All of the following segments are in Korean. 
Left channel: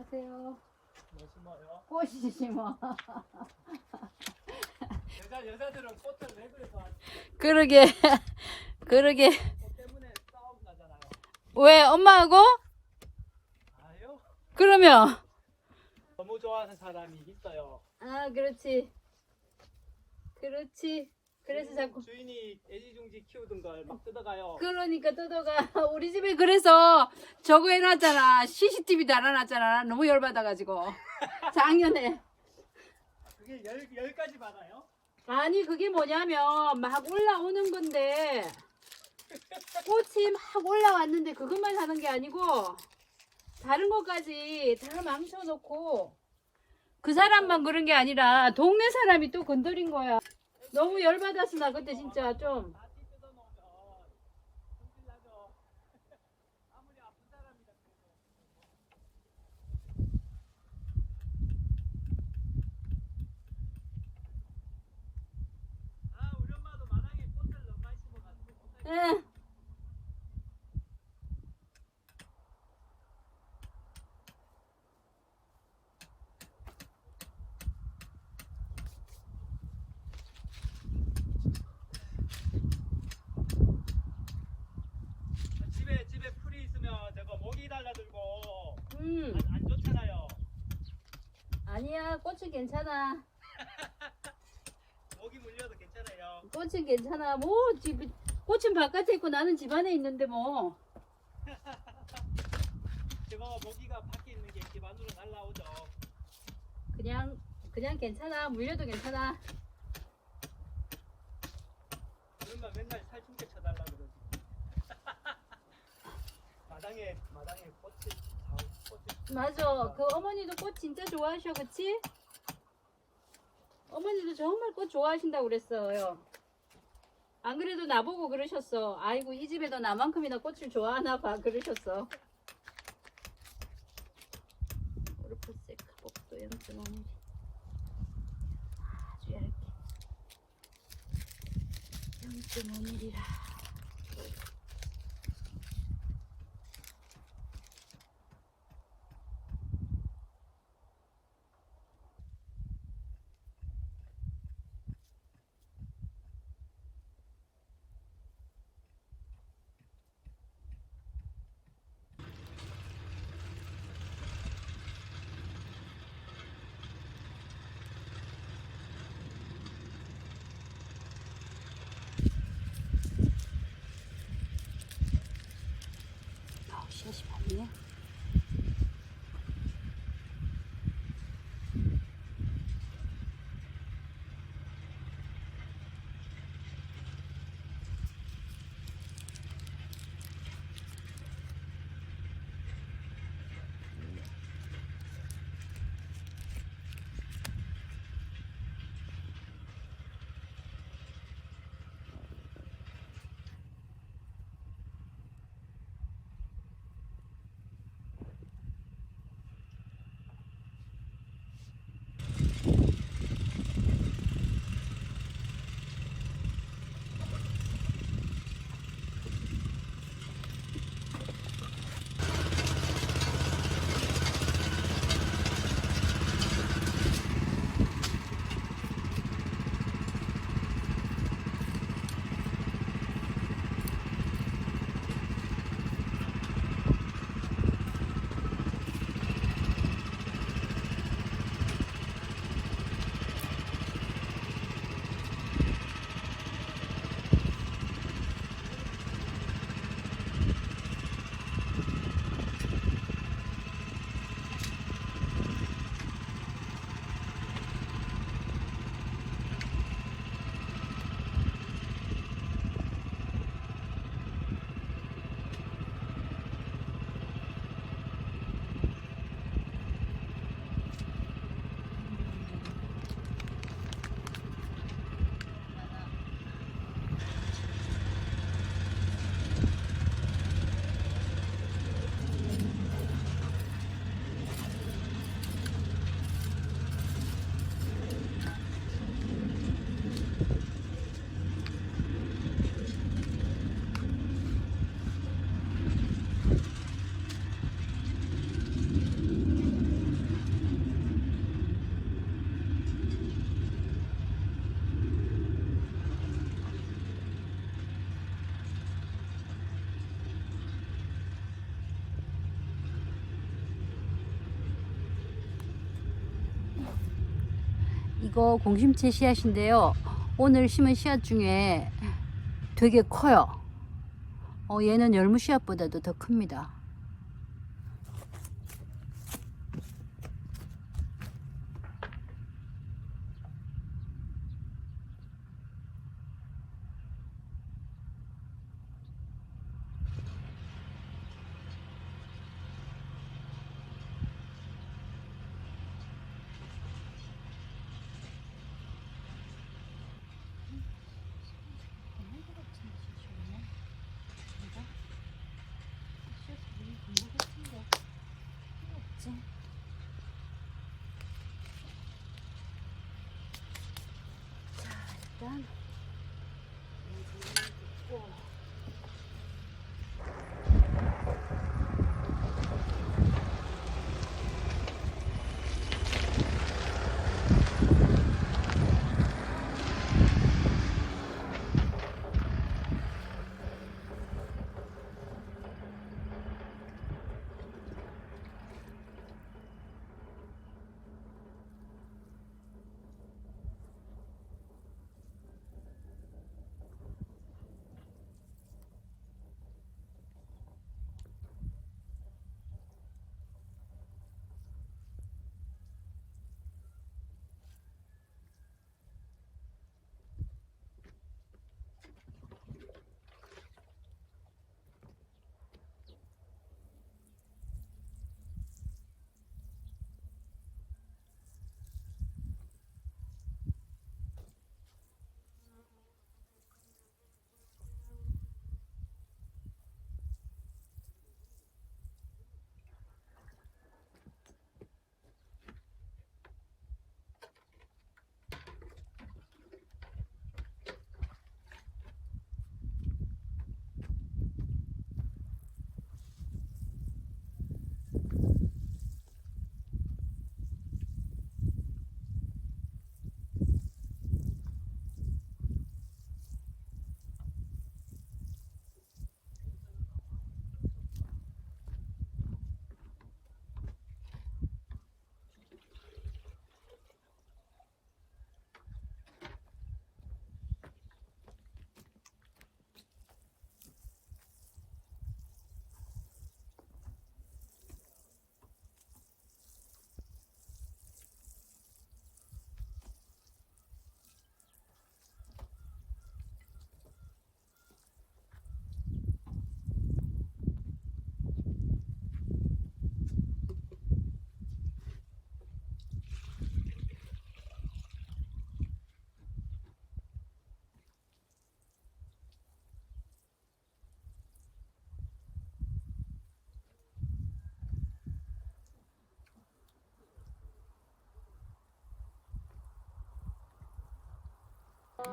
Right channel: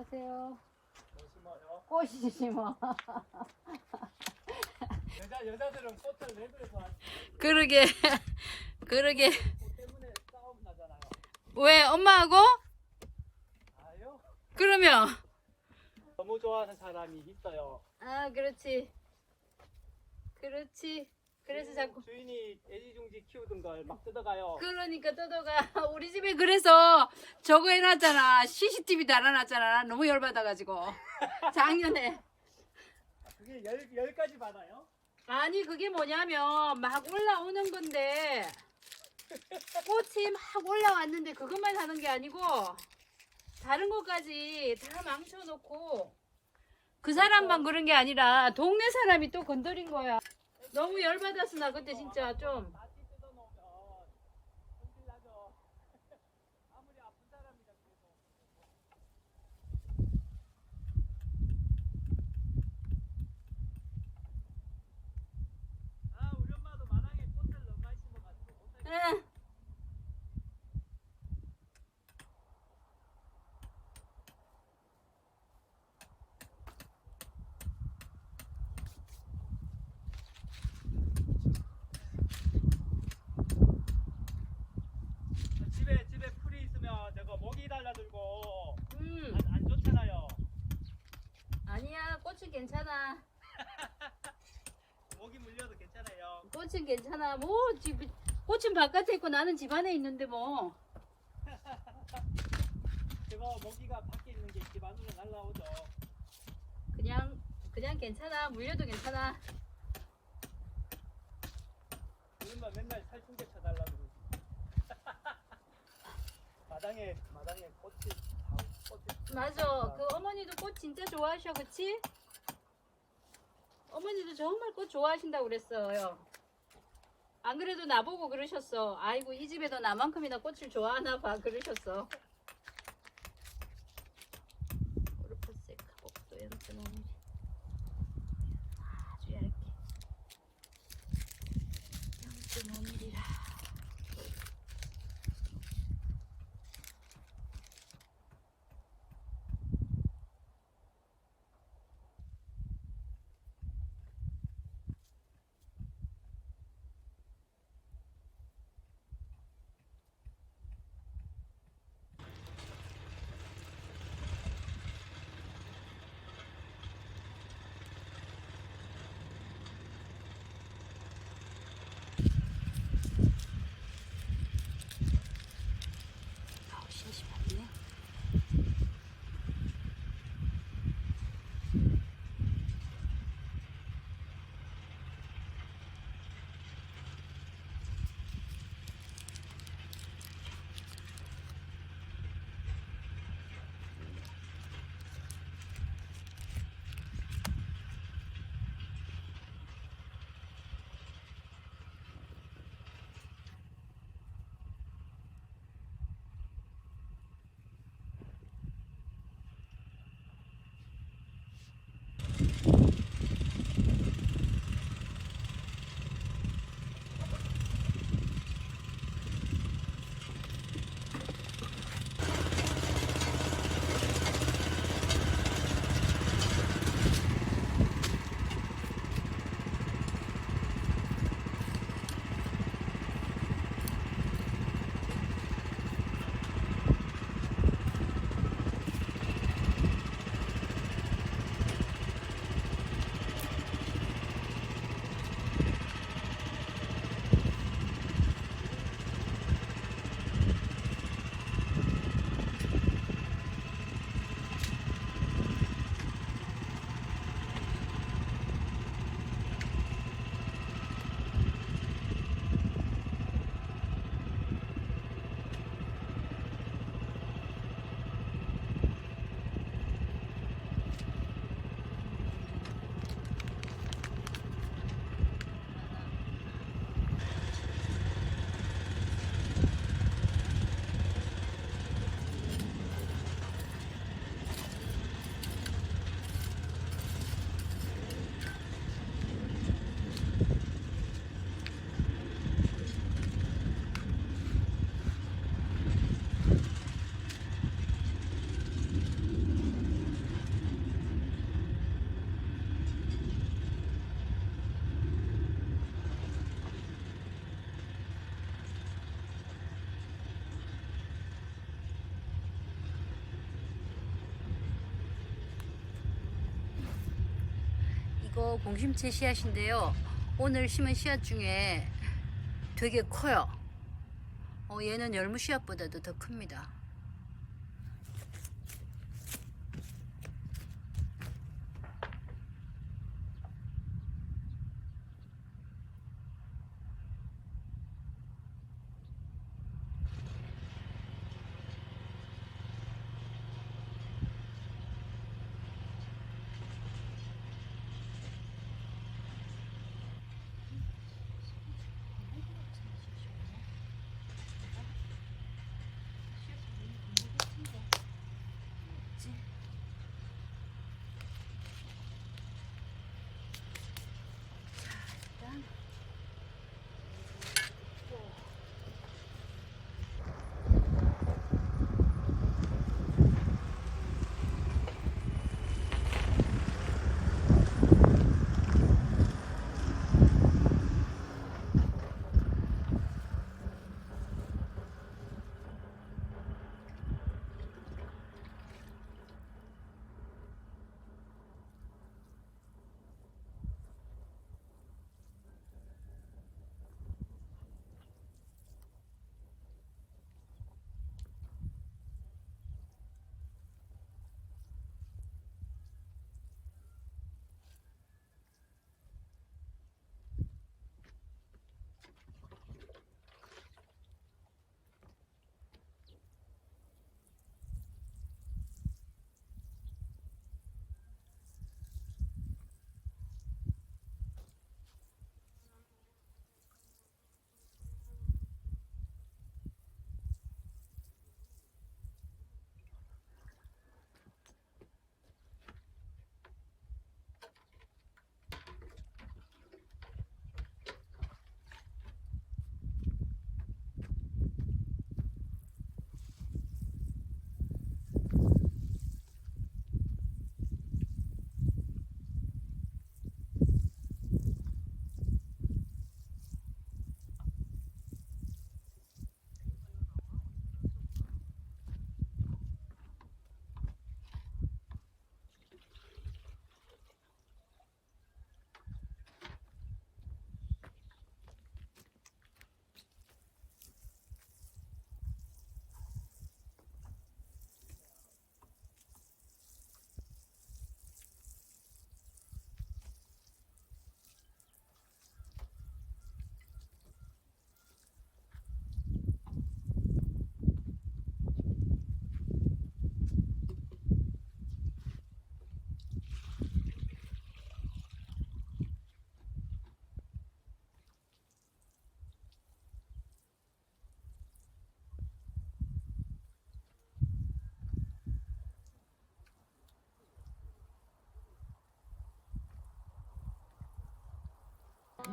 안녕하세요. 뭐 심어요? 꽃이 심어. 여자 여자들은 꽃을 내부에서 그러게, 그러게. 꽃 때문에 싸움 나잖아요. 왜 엄마하고? 아요? 그러면 너무 좋아하는 사람이 있어요. 아 그렇지, 그렇지. 그래서 자꾸 주인이 애지중지 키우던 걸막 뜯어가요. 그러니까 떠도가 우리 집에 그래서 저거 해놨잖아. CCTV 달아놨잖아. 너무 열받아가지고 작년에. 그게 열 열까지 받아요? 아니 그게 뭐냐면 막 올라오는 건데 꽃이 막 올라왔는데 그것만 하는 게 아니고 다른 것까지 다 망쳐놓고 그 사람만 그런 게 아니라 동네 사람이 또 건드린 거야 너무 열받았어 나 그때 진짜 좀. 다시 뜯어놓으면 힘들나죠. 아무리 아픈 사람이라 그래도. 아 우리 엄마도 만약에 꽃을 너무 많이 심어가지고 응. 집에 집에 풀이 있으면 저거 모기 달라들고 음. 안, 안 좋잖아요. 아니야 꽃은 괜찮아 모기 물려도 괜찮아요. 꽃은 괜찮아 뭐 집, 꽃은 바깥에 있고 나는 집 안에 있는데 뭐 저거 모기가 밖에 있는 게 집 안으로 날라오죠. 그냥 그냥 괜찮아 물려도 괜찮아 그러면 맨날 살충제 쳐달라 그러지. 마당에 맞아. 그 어머니도 꽃 진짜 좋아하셔, 그치? 어머니도 정말 꽃 좋아하신다고 그랬어요. 안 그래도 나보고 그러셨어. 아이고, 이 집에도 나만큼이나 꽃을 좋아하나 봐. 그러셨어. 코르파세카 복도 0.5mm. 아주 小심 하. 이거 공심채 씨앗인데요. 오늘 심은 씨앗 중에 되게 커요. 어, 얘는 열무 씨앗보다도 더 큽니다.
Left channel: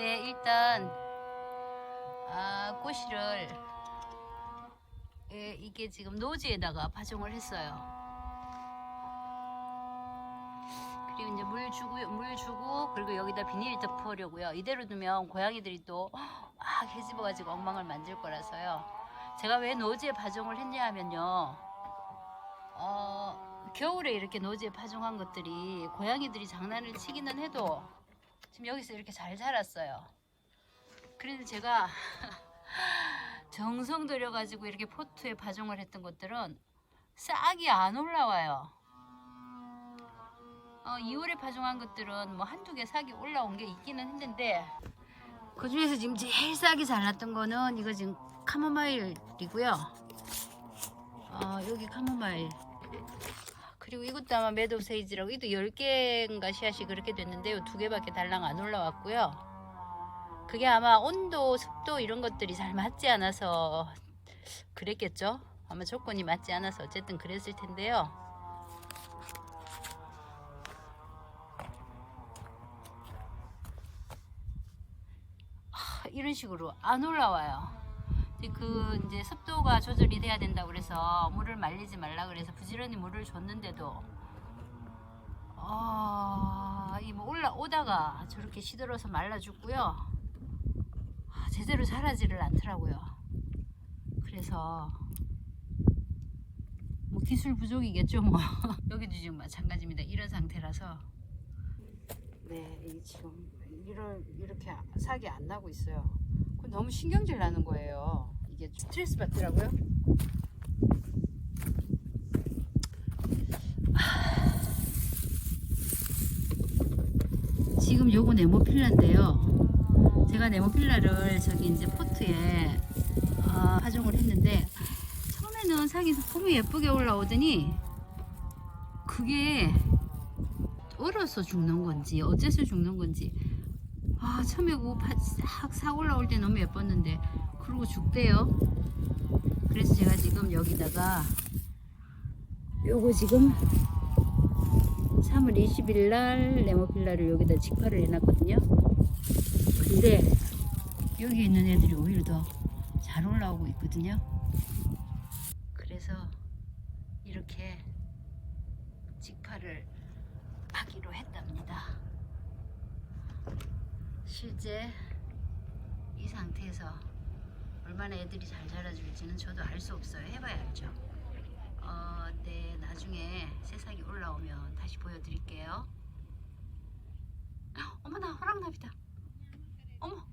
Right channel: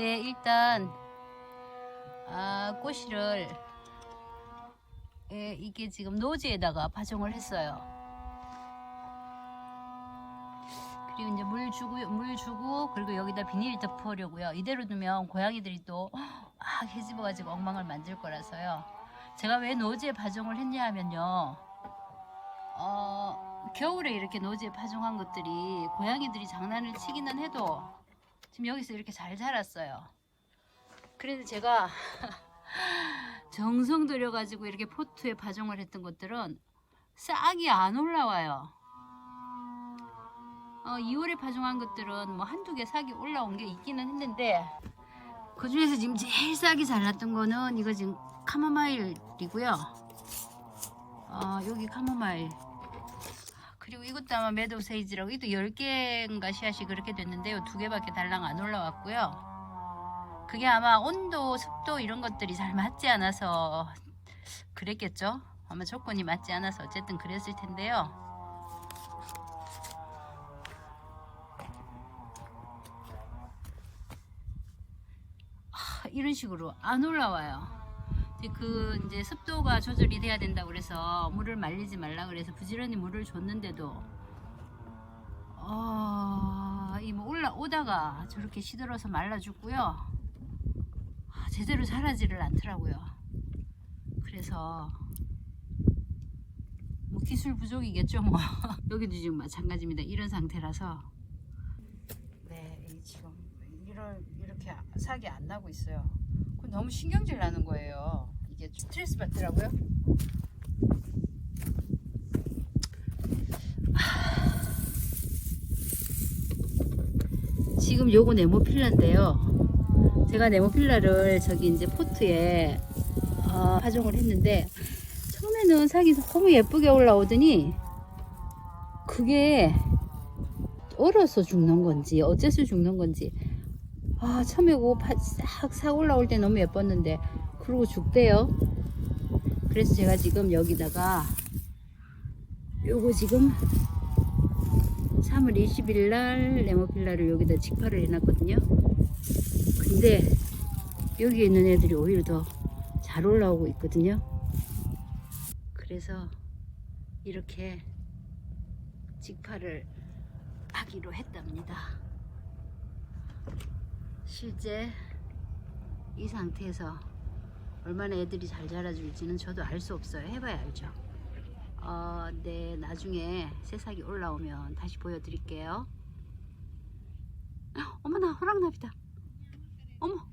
네, 일단 아, 꼬시를 예, 이게 지금 노지에다가 파종을 했어요. 그리고 이제 물 주고 물 주고 그리고 여기다 비닐 덮으려고요. 이대로 두면 고양이들이 또 막 해집어가지고 엉망을 만들 거라서요. 제가 왜 노지에 파종을 했냐 하면요. 어, 겨울에 이렇게 노지에 파종한 것들이 고양이들이 장난을 치기는 해도 지금 여기서 이렇게 잘 자랐어요. 그래서 제가 정성 들여가지고 이렇게 포트에 파종을 했던 것들은 싹이 안 올라와요. 어, 2월에 파종한 것들은 뭐 한두 개 싹이 올라온 게 있기는 했는데 그 중에서 지금 제일 싹이 잘 났던 거는 이거 지금 카모마일이고요. 어, 여기 카모마일. 그리고 이것도 아마 매도 세이지라고 이도 10개인가 씨앗이 그렇게 됐는데요. 두 개밖에 달랑 안 올라왔고요. 그게 아마 온도, 습도 이런 것들이 잘 맞지 않아서 그랬겠죠. 아마 조건이 맞지 않아서 어쨌든 그랬을 텐데요. 하, 이런 식으로 안 올라와요. 그 이제 습도가 조절이 돼야 된다 그래서 물을 말리지 말라 그래서 부지런히 물을 줬는데도 어, 이뭐 올라오다가 저렇게 시들어서 말라 죽고요. 아, 제대로 자라지를 않더라고요. 그래서 뭐 기술 부족이겠죠 뭐 여기도 지금 마찬가지입니다. 이런 상태라서 네, 이 지금 이런 이렇게 사기 안 나고 있어요. 그 너무 신경질 나는 거예요. 이게 스트레스 받더라고요. 지금 요거 네모필라인데요. 제가 네모필라를 저기 이제 포트에 어, 파종을 했는데 처음에는 색이 너무 예쁘게 올라오더니 그게 얼어서 죽는 건지 어째서 죽는 건지 아 처음에 그싹싹 올라올 때 너무 예뻤는데 그러고 죽대요. 그래서 제가 지금 여기다가 요거 지금 3월 20일 날 레모필라를 여기다 직파를 해놨거든요. 근데 여기 있는 애들이 오히려 더 잘 올라오고 있거든요. 그래서 이렇게 직파를 하기로 했답니다. 실제 이 상태에서 얼마나 애들이 잘 자라줄지는 저도 알 수 없어요. 해봐야 알죠. 어, 네, 나중에 새싹이 올라오면 다시 보여드릴게요. 헉, 어머나, 호랑나비다. 어머,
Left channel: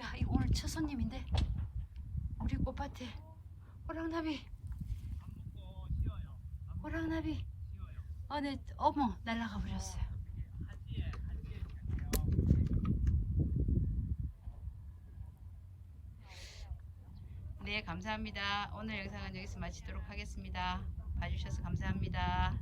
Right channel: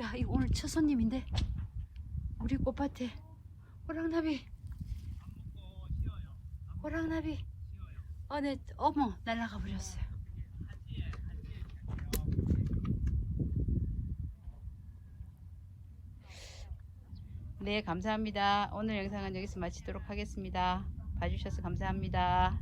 야, 이거 오늘 첫 손님인데 우리 꽃밭에 호랑나비, 호랑나비. 어, 네, 어머, 날아가 버렸어요. 네, 감사합니다. 오늘 영상은 여기서 마치도록 하겠습니다. 봐주셔서 감사합니다.